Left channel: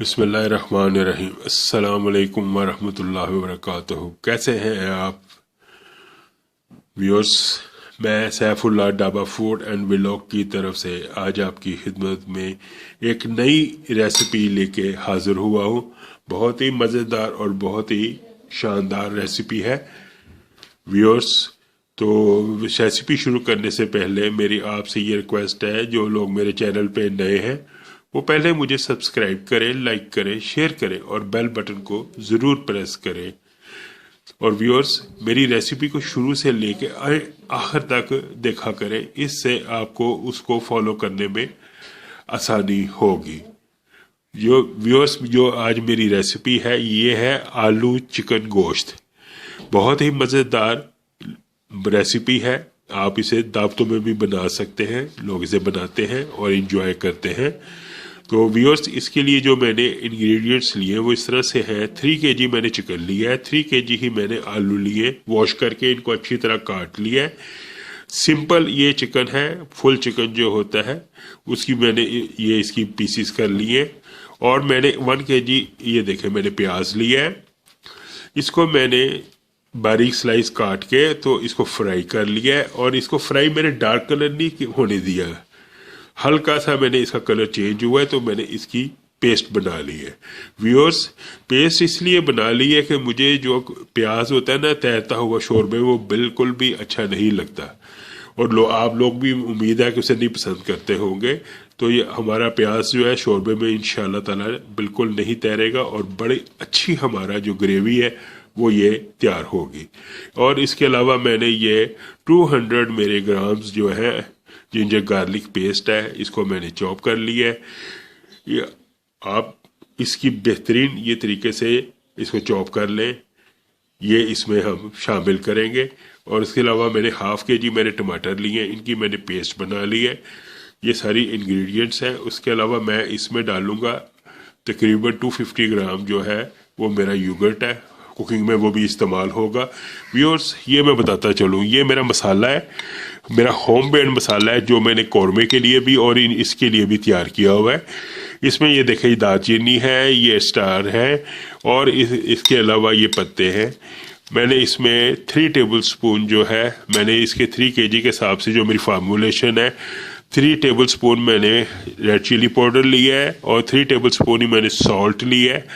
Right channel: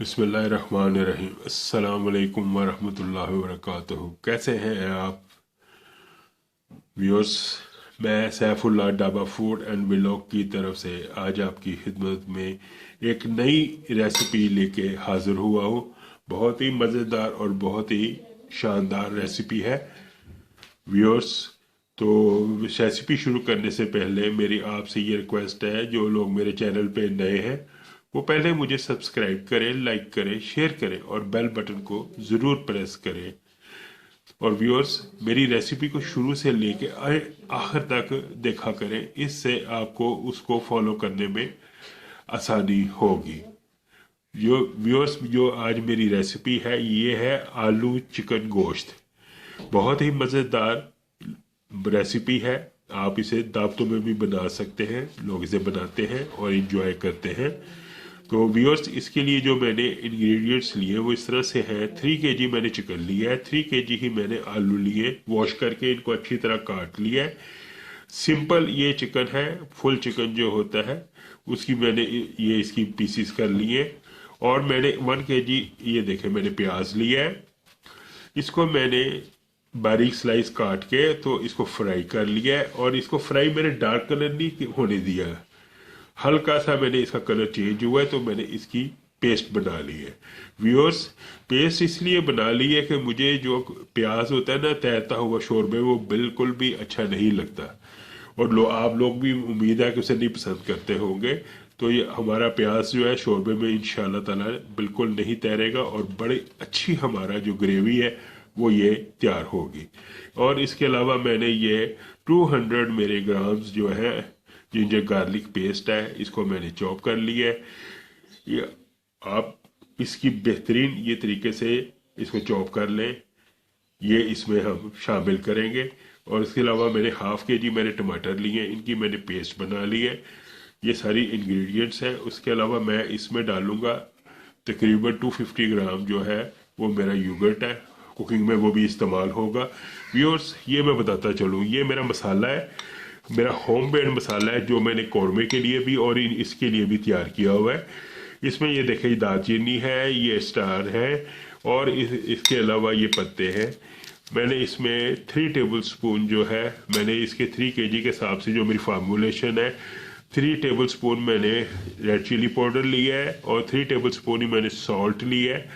बिस्मिल्लाहिर्रहमानिर्रहीम। अस्सलाम वालेकुम वरहमतुल्लाहि वबरकातुहू। कैसे हैं आप व्यूअर्स? मैं Saifullah dhaba food and vlog की तरफ से आज आपकी खिदमत में एक नई रेसिपी लेके हाज़िर हुआ हूँ। बहुत ही मज़ेदार और बहुत ही शानदार रेसिपी है व्यूअर्स। तो रेसिपी शुरू करने से पहले मेरी आपसे ये रिक्वेस्ट है, जो लोग मेरे चैनल पे नए हैं वो पहले मुझे सब्सक्राइब करें, लाइक करें, शेयर करें और बेल बटन को ज़रूर प्रेस करें। और व्यूअर्स, मेरी रेसिपी को शुरू से लेके आखिर तक देखा करें, इससे आपको उसको फॉलो करने में आसानी होगी। जो व्यूअर्स, जो आज मेरी रेसिपी है ये है आलू चिकन गोश्त। बहुत ही मज़ेदार रेसिपी है। आप इसे दावतों में भी बना सकते हैं, लोग इसे बनाते हैं और इन्जॉय करते हैं। तो व्यूअर्स, इसके लिए जो मैंने इंग्रेडिएंट्स लिए वो इस तरह से है। 3 kg मैंने चिकन लिया है, 3 kg ही मैंने आलू लिए, वॉश करके इनको अच्छी तरह काट लिया है। सिंपल ये चिकन है, फुल चिकन जो होता है उसकी मैंने ये इसकी पीसीस कर लिए। और मैंने 1 kg ये देखें मैंने प्याज लिया है, इसको मैंने बारीक स्लाइस काट के तो इसको फ्राई कर लिया है। और इसको फ्राई मैंने डार्क कलर नहीं होने दिया, हल्का सा मैंने इसका कलर चेंज हुआ है तो मैंने इसकी पेस्ट बना ली है। व्यूअर्स, पेस्ट इसलिए बना ली है कि मुझे जो प्याज होता है ना तैरता हुआ शोरबे, वो बिल्कुल भी अच्छा नहीं लगता। और आप लोग भी उम्मीद है कि उसे नहीं पसंद करते होंगे। तो ये हमारा प्याज जो है शोरबे में इंशाल्लाह ताला बिल्कुल नहीं तैरेगा और बड़ी अच्छी हमारा जो ग्रेवी है वो ये तैयार होगी। और इसके अलावा मैंने ये 200 मेरे ग्राम्स जो है जिंजर गार्लिक पेस्ट है, इसको मैंने चॉप कर लिया है। ये आप इसकी बेहतरीन ये तरीके से इसको चॉप कर लें, ये इसमें हम शामिल करेंगे। और इसके अलावा मैंने ½ kg मैंने टमाटर लिए, इनकी मैंने पेस्ट बना ली है। ये सारी इंग्रेडिएंट्स हैं। उसके अलावा मैं इसमें डालूँगा तकरीबन 250 ग्राम जो है वो मेरा योगर्ट है, कुकिंग में वो भी इस्तेमाल होगा। व्यूअर्स, ये मैं बताता चलूँ, ये मेरा मसाला है, मेरा होम मेड मसाला है जो मैंने कौरमे के लिए भी और इसके लिए भी तैयार किया हुआ है। इसमें ये देखें दालचीनी है, ये स्टार है और इसके अलावा ये पत्ते हैं। मैंने इसमें 3 टेबल स्पून जो है, मैंने इसके 3 kg के हिसाब से जो मेरी फार्मूलेशन है, 3 टेबल स्पून मैंने रेड चिली पाउडर लिया है और 3 टेबल स्पून ही मैंने सॉल्ट लिया है।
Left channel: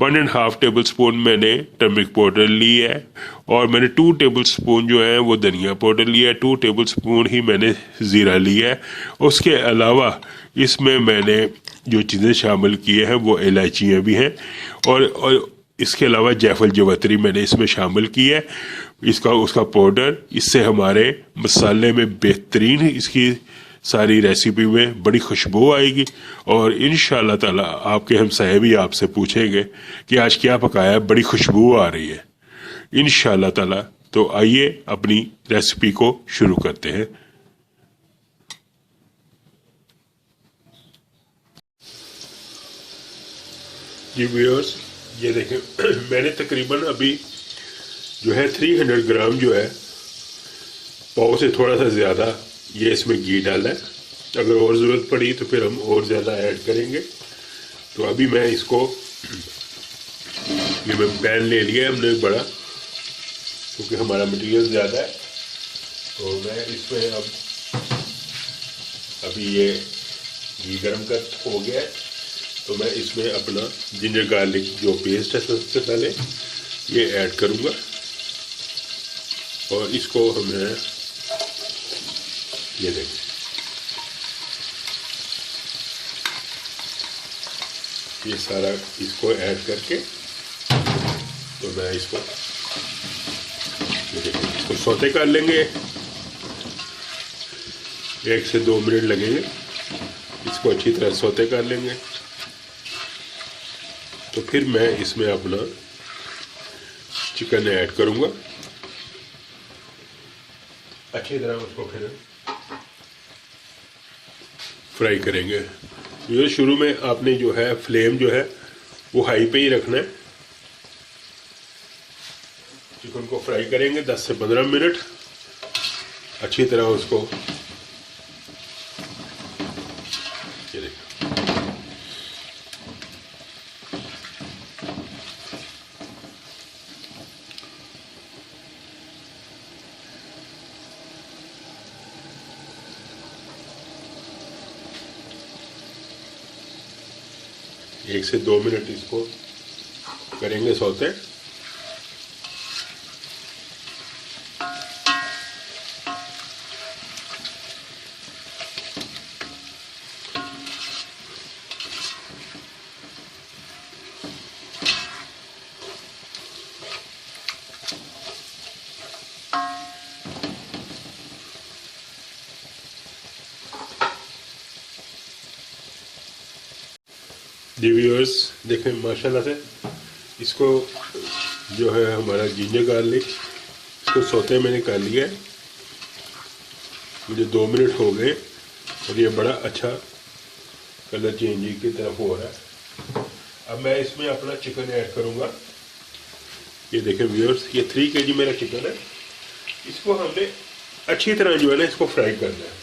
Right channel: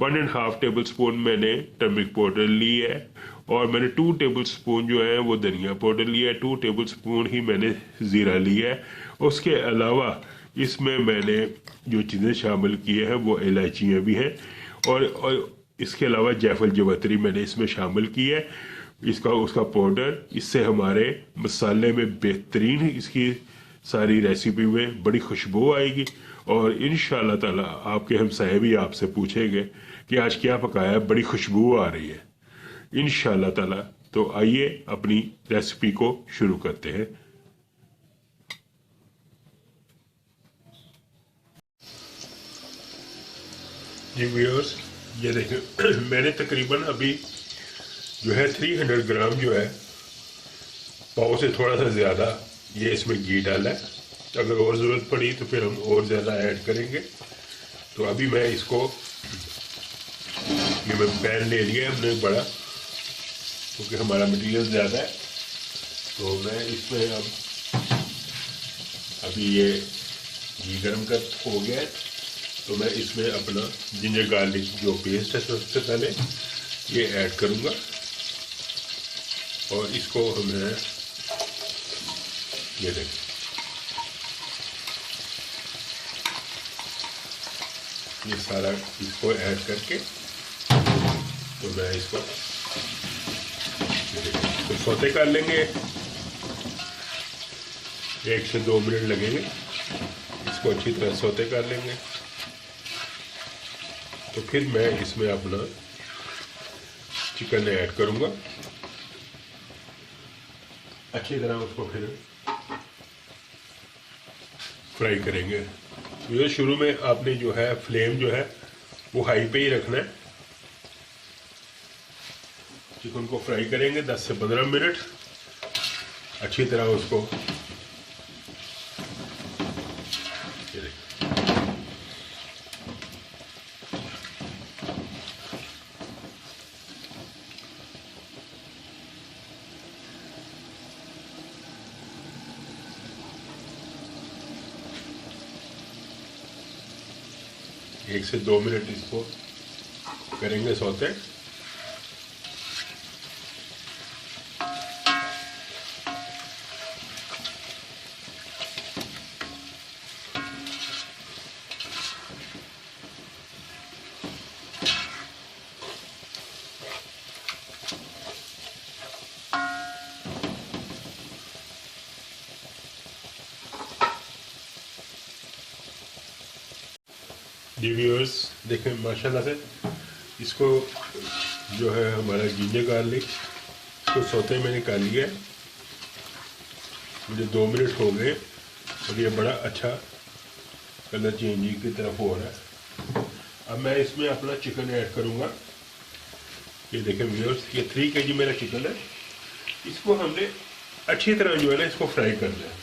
1.5 टेबल स्पून मैंने टर्मरिक पाउडर ली है और मैंने 2 टेबल स्पून जो है वो धनिया पाउडर लिया है। 2 टेबल स्पून ही मैंने ज़ीरा लिया है। उसके अलावा इसमें मैंने जो चीज़ें शामिल की हैं वो इलायचियाँ भी हैं और इसके अलावा जायफल जवतरी मैंने इसमें शामिल की है, इसका उसका पाउडर। इससे हमारे मसाले में बेहतरीन इसकी सारी रेसिपी में बड़ी खुशबू आएगी। और इंशाल्लाह ताला आपके हमसाये भी आपसे पूछेंगे कि आज क्या पकाया, बड़ी खुशबू आ रही है इंशाल्लाह ताला। तो आइए अपनी रेसिपी को शुरू करते हैं। जी व्यूअर्स, ये देखें मैंने तकरीबन अभी जो है 300 ग्राम जो है, पाव से थोड़ा सा ज़्यादा ये इसमें घी डाला है। अगर और ज़रूरत पड़ी तो फिर हम और ज़्यादा ऐड करेंगे। तो अभी मैं इसको, ये मैं पैन ले लिया हमने बड़ा, क्योंकि हमारा मटेरियल ज़्यादा है। तो मैं इसमें अब अभी ये घी गर्म कर हो गया है तो मैं इसमें अपना जिंजर गार्लिक जो पेस्ट है सबसे पहले ये ऐड करूँगा और इसको हमें ये देखें, ये सारा इसको ऐड करके तो मैं इसको सौते कर लेंगे। 1 से 2 मिनट लगेंगे, इसको अच्छी तरह सौते कर लेंगे। तो फिर मैं इसमें अपना चिकन ऐड करूँगा, अच्छी तरह उसको फिर फ्राई करेंगे। ये शुरू में आपने जो है फ्लेम जो है वो हाई पे ही रखना है। चिकन को फ्राई करेंगे 10 से 15 मिनट, अच्छी तरह उसको 1 से 2 मिनट इसको करेंगे सौते। जी व्यूअर्स देखें, माशाल्लाह से इसको जो है हमारा जिंजर गार्लिक इसको सौते मैंने कर लिया है। मुझे 2 मिनट हो गए और ये बड़ा अच्छा कलर चेंजिंग की तरफ हो रहा है। अब मैं इसमें अपना चिकन ऐड करूँगा। ये देखें व्यूअर्स, ये 3 kg मेरा चिकन है। इसको हमने अच्छी तरह जो है ना इसको फ्राई करना है।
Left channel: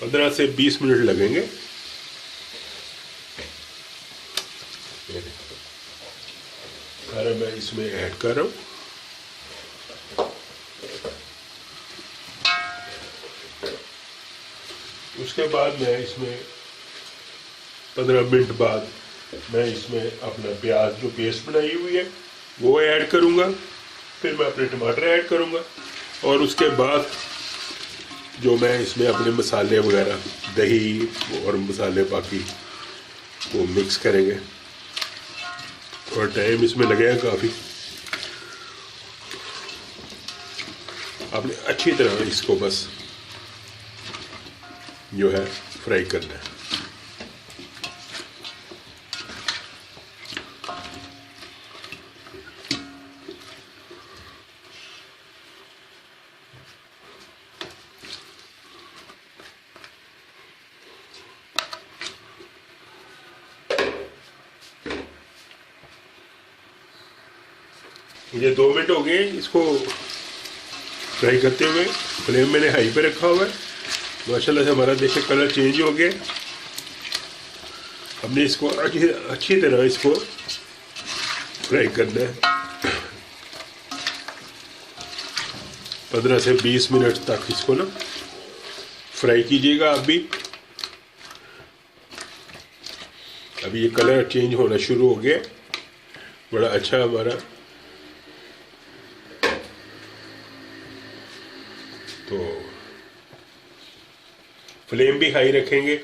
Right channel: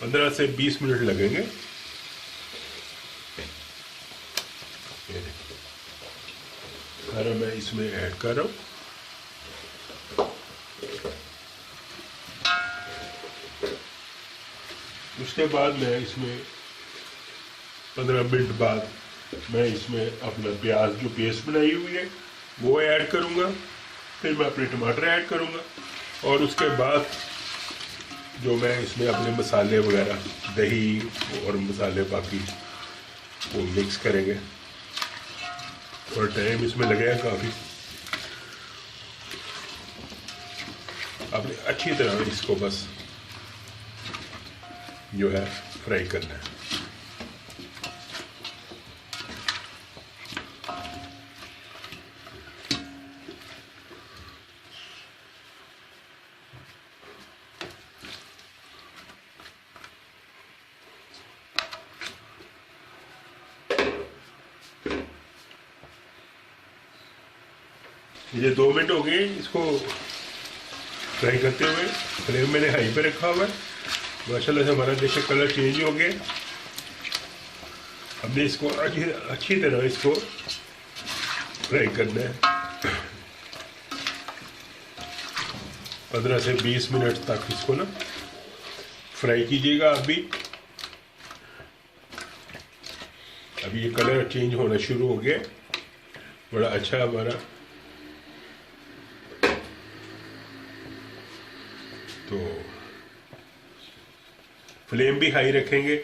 15 से 20 मिनट लगेंगे। सारा मैं इसमें ऐड कर रहा हूँ। उसके बाद मैं इसमें 15 मिनट बाद मैं इसमें अपना प्याज जो पेस्ट बनाई हुई है वो ऐड करूँगा। फिर मैं अपने टमाटर ऐड करूँगा और उसके बाद जो मैं इसमें अपने मसाले वगैरह, दही और मसाले बाकी वो मिक्स करेंगे। और टाइम इसमें लगेगा काफ़ी। आपने अच्छी तरह इसको बस जो है फ्राई करना है। ये 2 मिनट हो गए इसको फ्राई करते हुए। फ्लेम मैंने हाई पे रखा हुआ है। माशाल्लाह से हमारा देखिए कलर चेंज हो गया। हमने इसको अच्छी तरह इसको फ्राई करना है। 15 से 20 मिनट तक इसको ना फ्राई कीजिएगा। अभी ये कलर चेंज होना शुरू हो गया। बड़ा अच्छा हमारा, तो फ्लेम भी हाई रखेंगे।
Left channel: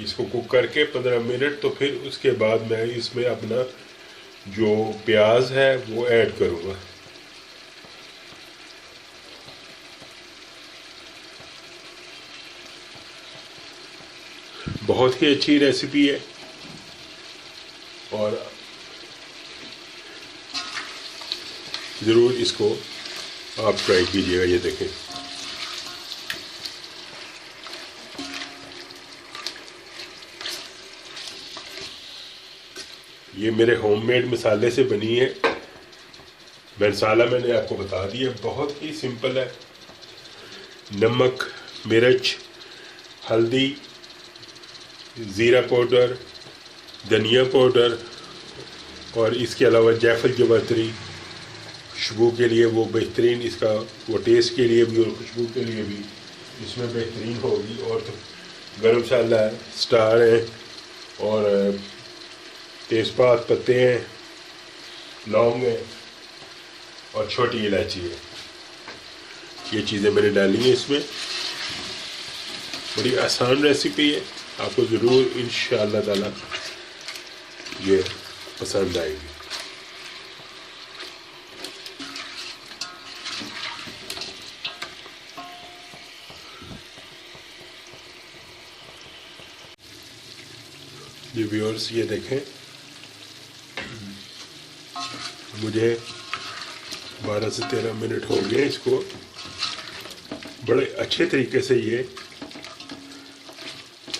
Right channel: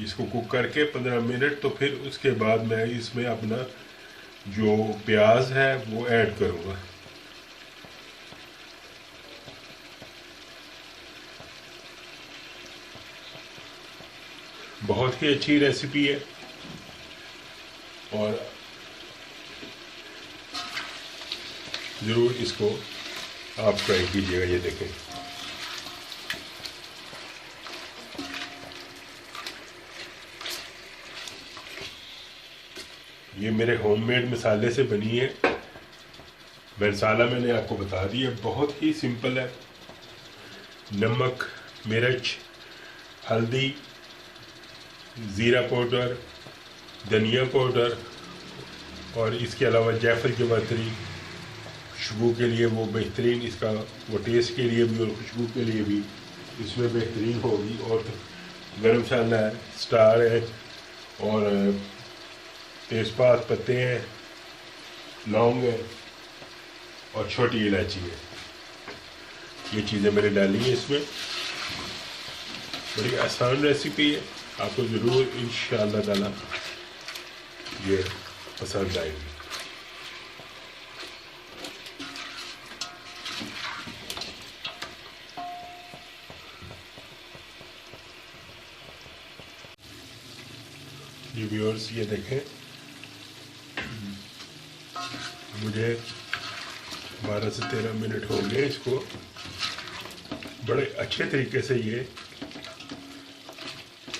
इसको कुक करके 15 मिनट, तो फिर उसके बाद मैं इसमें अपना जो प्याज है वो ऐड करूँगा। बहुत ही अच्छी रेसिपी है और ज़रूर इसको आप ट्राई कीजिएगा। ये देखें, ये मेरे होममेड मसाले से बनी है। मसाला मैंने आपको बता दिया, बहुत ही सिंपल है। नमक, मिर्च, हल्दी, ज़ीरा पाउडर, धनिया पाउडर और इसके अलावा जायफल जवातरी खुशबू के लिए वो बेहतरीन, इसका वो टेस्ट के लिए भी और खुशबू के लिए भी इसमें बेहतरीन होगी। और गरम मसाला है, स्टार है और तेज़पात पत्ते हैं, लौंग है और छोटी इलायची है। ये चीज़ें मैंने डाली हैं इसमें। बड़ी आसान रेसिपी है, आपको ज़रूर इंशाअल्लाह ताला ये पसंद आएगी। जी व्यूअर्स, ये देखें, मुझे 12 से 13 मिनट हो गए इसको। बड़े अच्छे तरीके से ये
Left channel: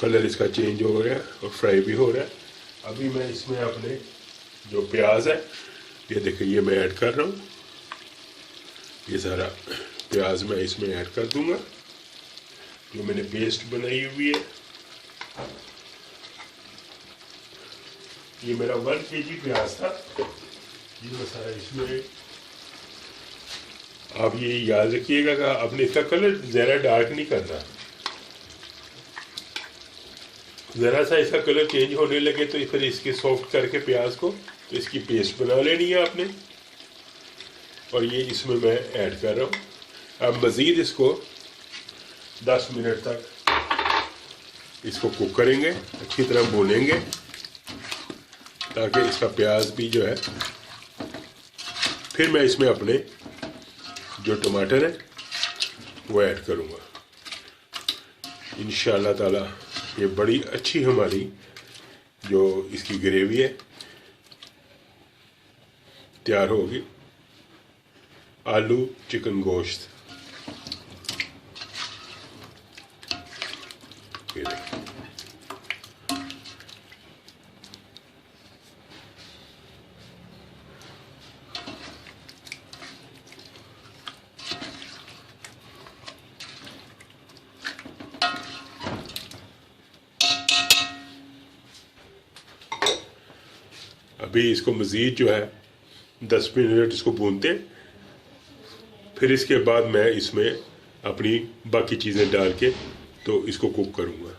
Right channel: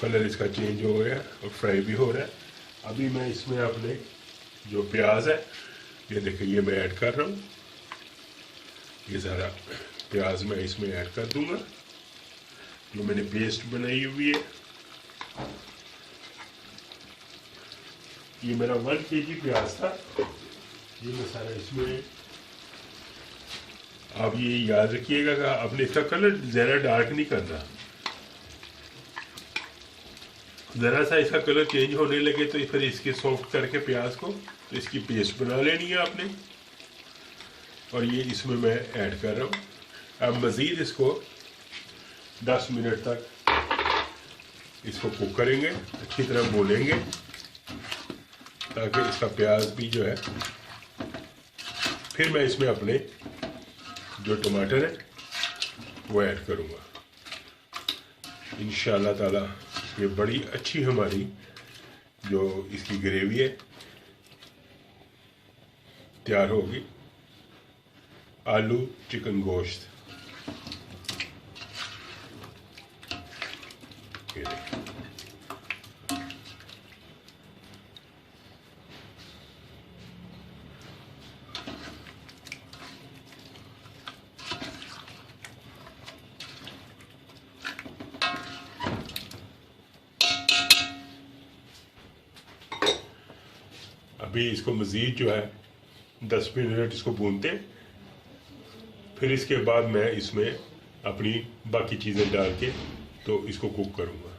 कलर इसका चेंज हो रहा है और फ्राई भी हो रहा है। अभी मैं इसमें अपने जो प्याज है, ये देखिए, ये मैं ऐड कर रहा हूँ। ये सारा प्याज मैं इसमें ऐड कर दूंगा जो मैंने पेस्ट बनाई हुई है। ये मेरा 1 kg प्याज था। ये मैं सारा इसमें आप ये याद रखिएगा कि आपने इसका कलर ज़्यादा डार्क नहीं करना। ज़रा सा इसका कलर चेंज होने लगे तो फिर इसके सॉफ्ट करके प्याज को इसकी पेस्ट बना लेनी है आपने। और ये इसमें मैं ऐड कर रहा हूँ। अब मज़ीद इसको 10 मिनट तक इसको कुक करेंगे, अच्छी तरह भूनेंगे ताकि इसका प्याज भी जो है। फिर मैं इसमें अपने जो टमाटर है वो ऐड करूँगा। इंशाअल्लाह ताला ये बड़ी अच्छी हमारी जो इसकी ग्रेवी है तैयार होगी। आलू चिकन गोश्त, ये देखिए। अभी इसको मज़ीद जो है 10 मिनट इसको भूनते हैं। फिर इसके बाद मैं इसमें अपनी बाकी चीज़ें डाल के तो इसको कुक करूँगा।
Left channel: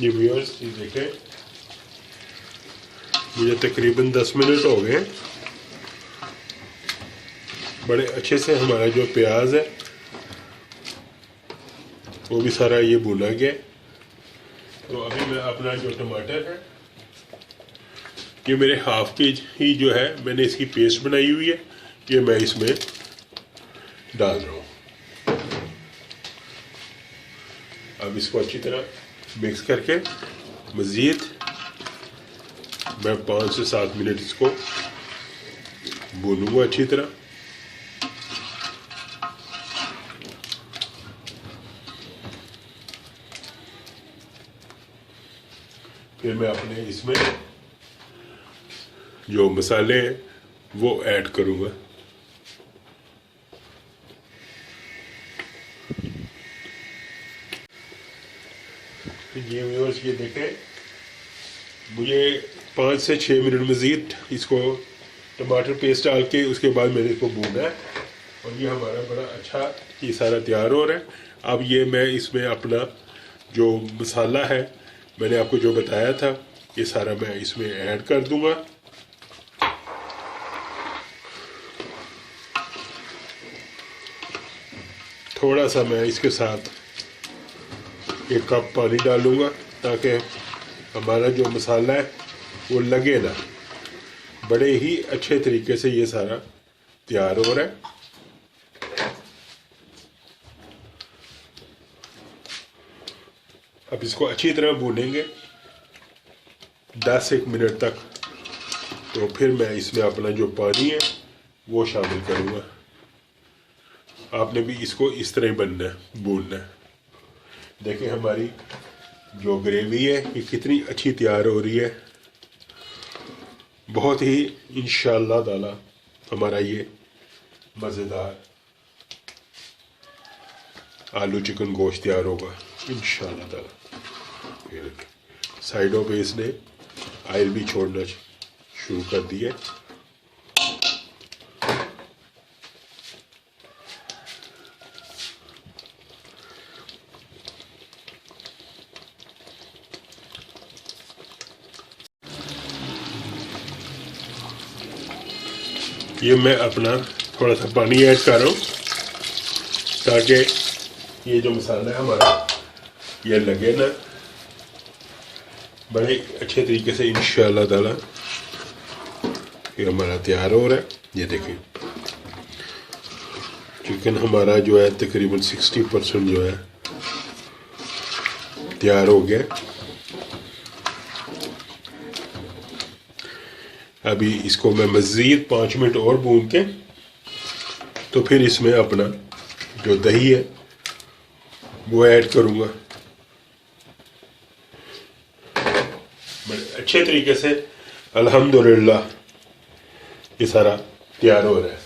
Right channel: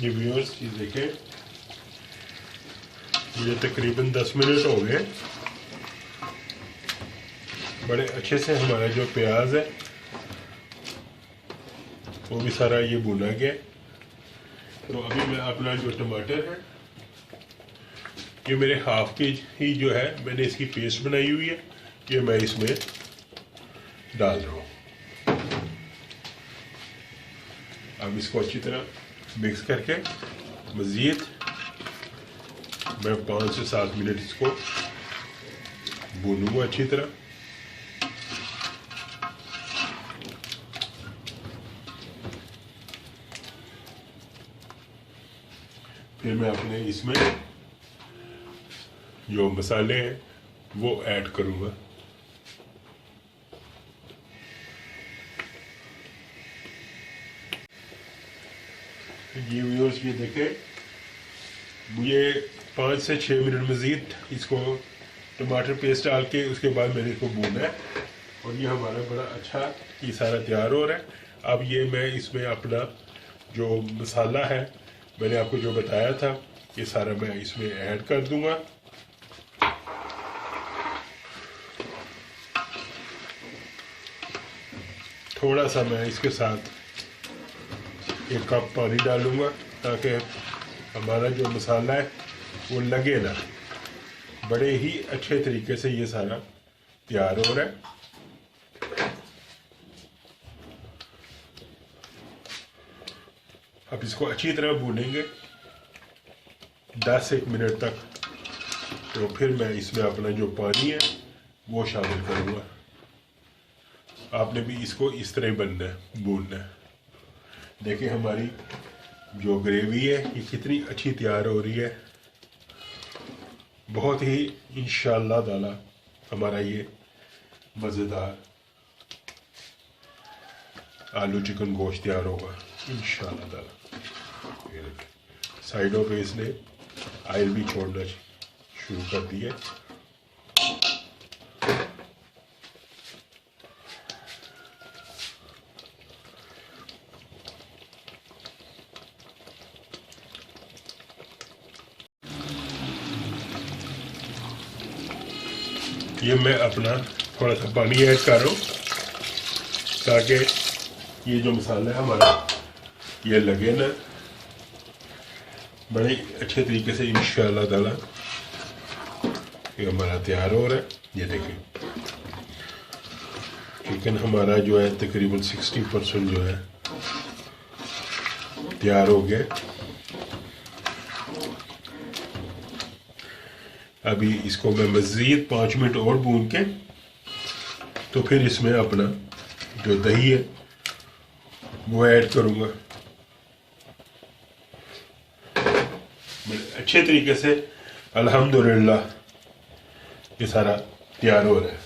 ये व्यूअर्स ये देखें, मुझे तकरीबन 10 मिनट हो गए। बड़े अच्छे से हमारा जो प्याज है वो भी सारा ये भुना गया। तो अभी मैं अपना जो टमाटर है, ये मेरे हाफ के ही जो है मैंने इसकी पेस्ट बनाई हुई है, ये मैं इसमें डाल रहा हूँ। अब इसको अच्छी तरह मिक्स करके मज़ीद मैं 5 से 7 मिनट इसको भूनूंगा अच्छी तरह। फिर मैं अपने इसमें जो मसाले हैं वो ऐड करूँगा। ये व्यूअर्स ये देखें, मुझे 5 से 6 मिनट मज़ीद इसको टमाटर पेस्ट डाल के उसके बाद मैंने इसको भूना है। और ये हमारा बड़ा अच्छा ये सारा तैयार हो रहा है। अब ये मैं इसमें अपना जो मसाला है मैंने आपको जो बताया था ये सारा मैं इसमें ऐड कर दूंगा। थोड़ा सा मैं इसके साथ 1 कप पानी डालूंगा ताकि हमारा जो मसाला है वो लगे ना। बड़े ही अच्छे तरीके से ये सारा तैयार हो रहा है। अब इसको अच्छी तरह भूनेंगे 10-1 मिनट तक। तो फिर मैं इसमें अपना जो पानी है वो शामिल करूँगा। आपने भी इसको इस तरह ही बनना है, भूनना है। देखिए हमारी जो ग्रेवी है ये कितनी अच्छी तैयार हो रही है। बहुत ही इंशाअल्लाह ताला हमारा ये मज़ेदार आलू चिकन गोश्त तैयार होगा इंशाअल्लाह ताला। साइडों पे इसने ऑयल भी छोड़ना शुरू कर दिया। ये मैं अपना थोड़ा सा पानी ऐड कर रहा हूँ ताकि ये जो मसाला है हमारा ये लगे ना। बड़े अच्छे तरीके से इंशाअल्लाह ताला ये हमारा तैयार हो रहा है। ये देखिए चिकन हमारा जो है तकरीबन 60% जो है तैयार हो गया। अभी इसको मैं मज़ीद 5 मिनट और भून के तो फिर इसमें अपना जो दही है वो ऐड करूँगा। बड़े अच्छे तरीके से अल्हम्दुलिल्लाह ये सारा तैयार हो रहा है।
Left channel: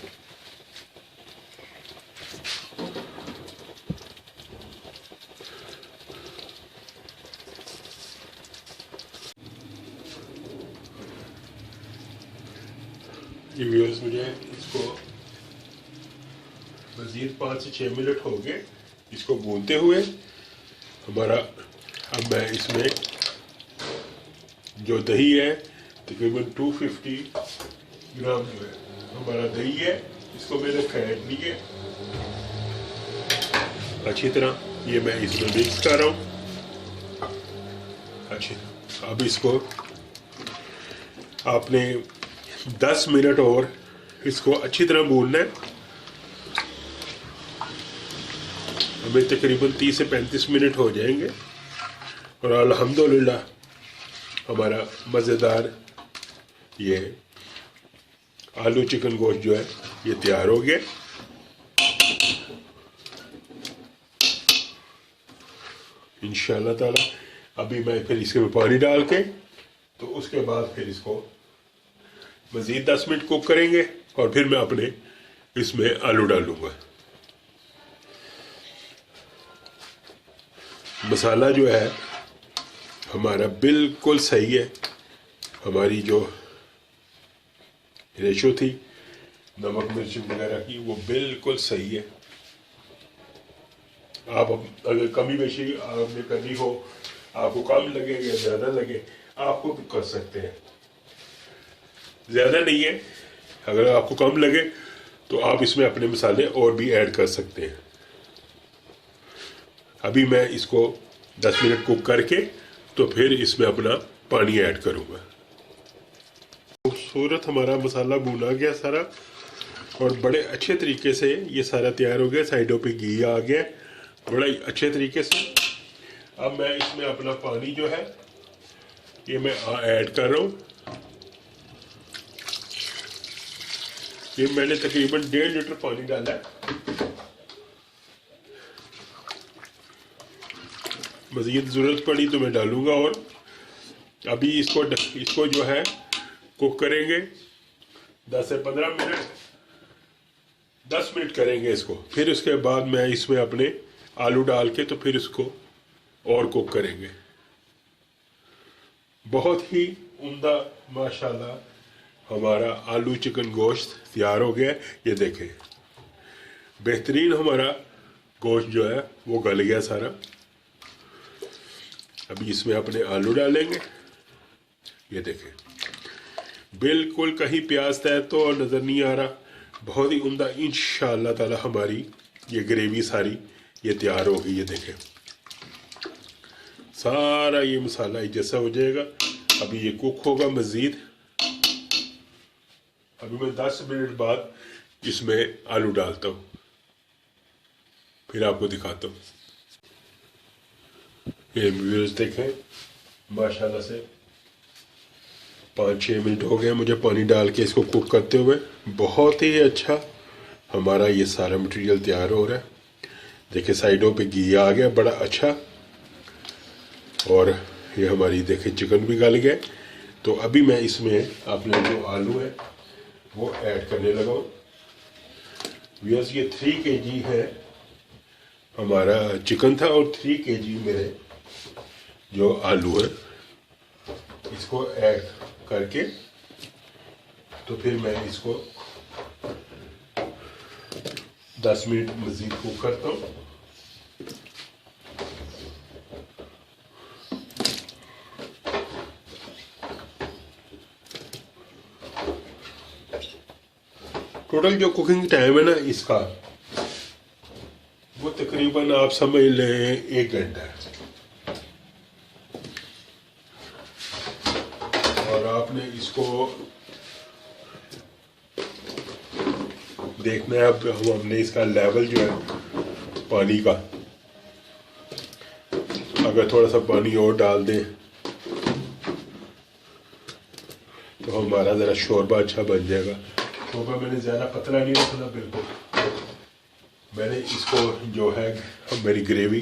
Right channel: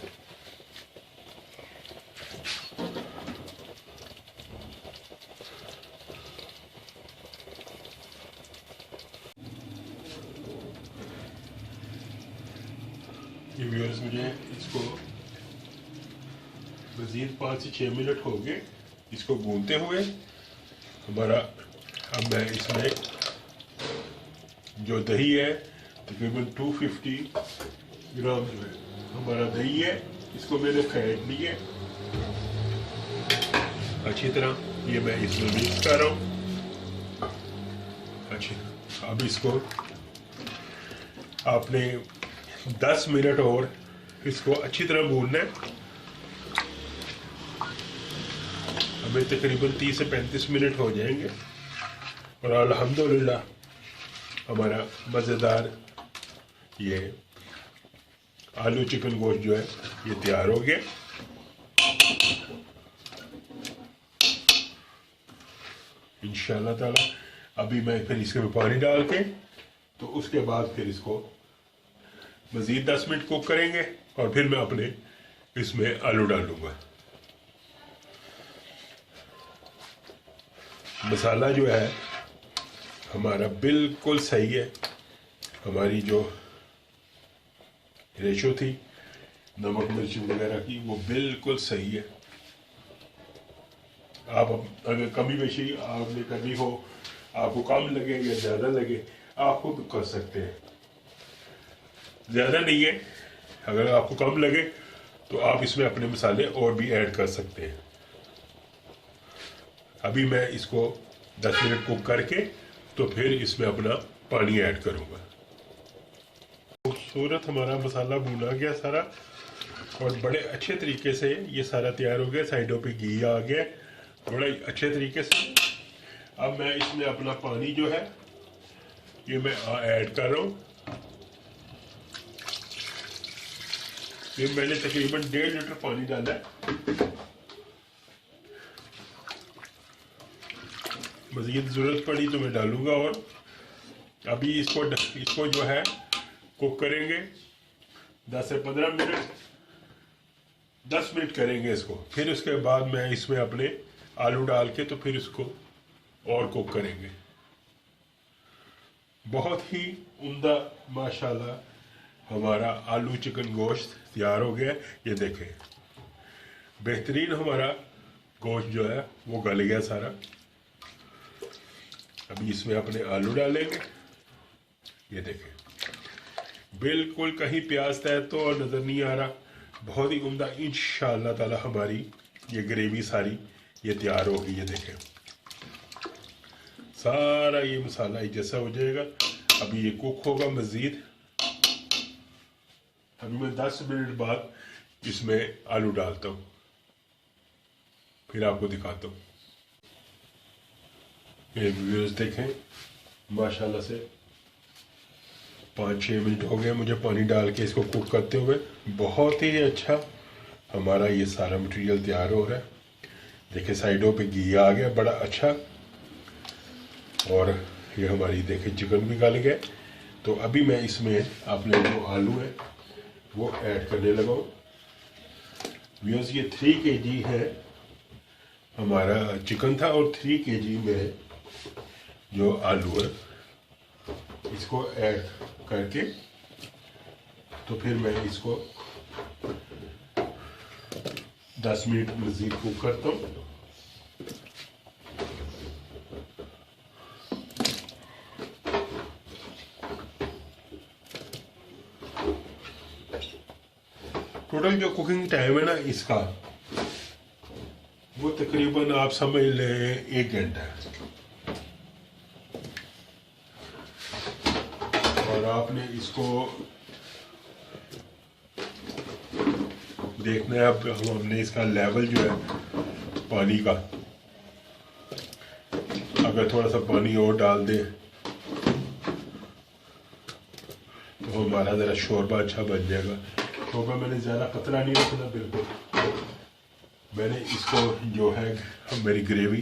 देखिए व्यूअर्स, मुझे इसको मज़ीद 5 से 6 मिनट हो गए इसको भूनते हुए हमारा। अब मैं इसमें जो दही है तकरीबन 250 ग्राम जो है हमारा दही है, इसको मैंने फेंट लिए अच्छी तरह। ये मैं इसमें मिक्स कर रहा हूँ अच्छी। अब इसको आपने 10 मिनट और इसको अच्छी तरह भूनना है। हमें तकरीबन 30 से 35 मिनट हो जाएंगे और अल्हम्दुलिल्लाह हमारा मज़ेदार ये आलू चिकन गोश्त जो है ये तैयार हो गया। इंशाल्लाह ताला अभी मैं फिर इसके में पानी डाल के तो उसके बाद फिर इसको मज़ीद 10 मिनट कुक करेंगे और फिर मैं अपने इसमें आलू डालूंगा। मसाला जो है हमारा बिल्कुल सही है। हमारी जो रेशो थी नमक मिर्च वगैरह की वो बिल्कुल सही है। आप अगर कमी बेशी आपने करनी हो, आपको कम लगे या ज़्यादा लगे, आपको भी कर सकते हैं। ज़्यादा नहीं है, अगर आपको कम लगे तो आप इसमें अपने मसाले और भी ऐड कर सकते हैं। अभी मैं इसको 10 मिनट कुक करके तो फिर इसमें अपना पानी ऐड करूँगा। खूबसूरत हमारा मसाला भुना गया सारा और बड़े अच्छे तरीके से ये सारा तैयार हो गया। साइडों पे घी आ गया बड़े अच्छे तरीके से। अब मैं इसमें अपना पानी जो है ये मैं ऐड कर रहा हूँ। ये मैंने तकरीबन 1.5 लीटर पानी डाला है। मज़ीद ज़रूरत पड़ी तो मैं डालूँगा। और अभी इसको जो है कुक करेंगे 10 से 15 मिनट, 10 मिनट करेंगे इसको। फिर उसके बाद मैं इसमें अपने आलू डाल के तो फिर इसको और कुक करेंगे। बहुत ही उम्दा माशाल्लाह हमारा आलू चिकन गोश्त तैयार हो गया। ये देखें बेहतरीन हमारा गोश्त जो है वो गल गया सारा। अभी इसमें अपने आलू डालेंगे। ये देखें बिल्कुल कहीं प्याज तय तो और नज़र नहीं आ रहा। बहुत ही उम्दा। इंशाअल्लाह ताला हमारी ये ग्रेवी सारी ये तैयार होगी। ये देखें सारा ये मसाला जैसा हो जाएगा। अभी ये कुक होगा मज़ीद। अभी मैं 10 मिनट बाद इसमें आलू डालता हूँ, फिर आपको दिखाता हूँ। ये व्यूअर्स देखें माशाल्लाह से 5-6 मिनट हो गए मुझे पानी डाल के इसको कुक करते हुए। बहुत ही अच्छा हमारा ये सारा मटेरियल तैयार हो रहा है। देखिए साइडों पे घी आ गया बड़ा अच्छा। और ये हमारी देखिए चिकन भी गल गया। तो अभी मैं इसमें अपने जो आलू है वो ऐड करने लगा हूँ। व्यूअर्स ये 3 kg है हमारा चिकन था और 3 kg मेरे जो आलू है इसको ऐड करके तो फिर मैं इसको 10 मिनट मज़ीद कुक करता हूँ। टोटल जो कुकिंग टाइम है ना इसका वो तकरीबन आप समझ लें 1 घंटा। और आपने इसको देखना है। अब हमने इसका लेवल जो है पानी का अगर थोड़ा सा पानी और डाल दें तो हमारा ज़रा शोरबा अच्छा बन जाएगा। शोरबा मैंने ज़्यादा पतला नहीं रखना बिल्कुल। मैंने इसको जो है मेरी ग्रेवी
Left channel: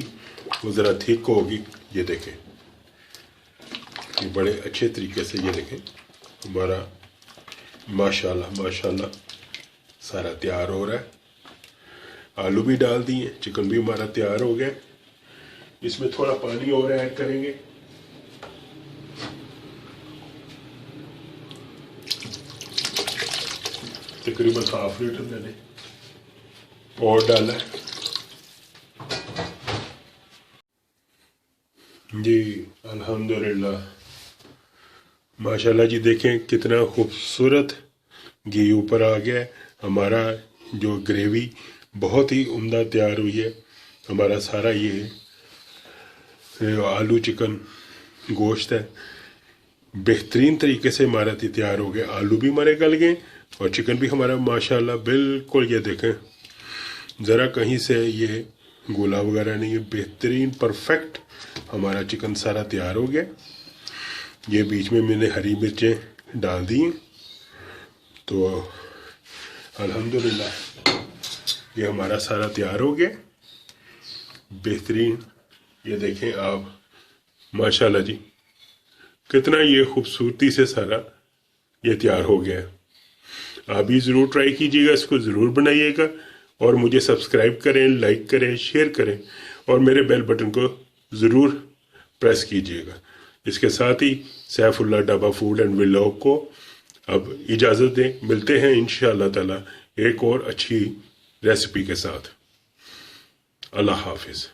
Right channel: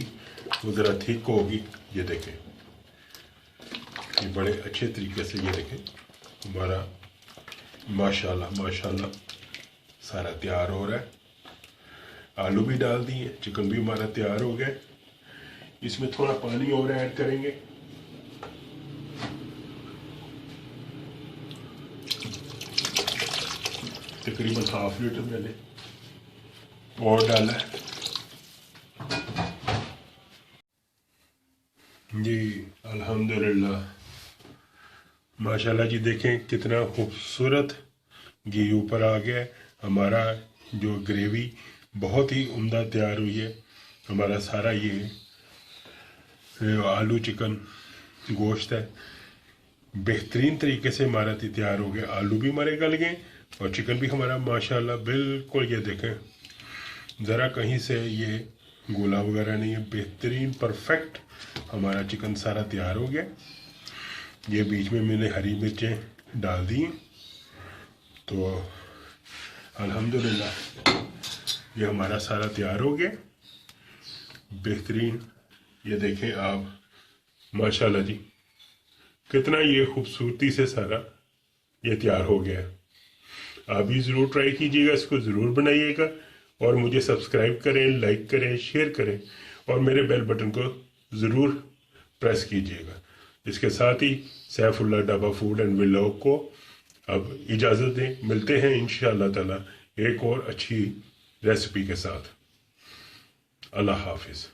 वो ज़रा थिक होगी। ये देखें ये बड़े अच्छे तरीके से ये देखें हमारा माशाल्लाह माशाल्लाह सारा तैयार हो रहा है। आलू भी डाल दिए, चिकन भी हमारा तैयार हो गया। इसमें थोड़ा पानी और ऐड करेंगे। तकरीबन हाफ लीटर मैंने और डाला है जी। अल्हम्दुलिल्लाह, माशाल्लाह जी, देखें कितना खूबसूरत घी ऊपर आ गया है। हमारा जो ग्रेवी बहुत ही उम्दा तैयार हुई है। हमारा सारा ये आलू चिकन गोश्त है, बेहतरीन तरीके से हमारा तैयार हो गया। आलू भी हमारे गल गए और चिकन भी हमारा माशाल्लाह बिल्कुल, ये देखें ज़रा कहीं से ये गोला वगैरह नहीं है, बेहतरीन परफेक्ट हमारा चिकन सारा तैयार हो गया। ये बीच में मैंने हरी मिर्चें डाल दी हैं। तो अल्हम्दुलिल्लाह ये हमारा सारा तैयार हो गया बेहतरीन। ये देखें आप माशाल्लाह जी, कितना ये खूबसूरती से सारा ये तैयार हो गया है। आप भी ज़रूर ट्राई कीजिएगा, इसको ज़रूर बनाइएगा और मुझे सब्सक्राइब करें, लाइक करें, शेयर करें और मेरे बेल बटन को ज़रूर प्रेस कीजिएगा। इसके साथ ही Saifullah dhaba food and vlog को अब इजाज़त दें। मिलते हैं इंशाअल्लाह ताला एक और अच्छी रेसिपी के साथ। अल्लाह हाफिज़।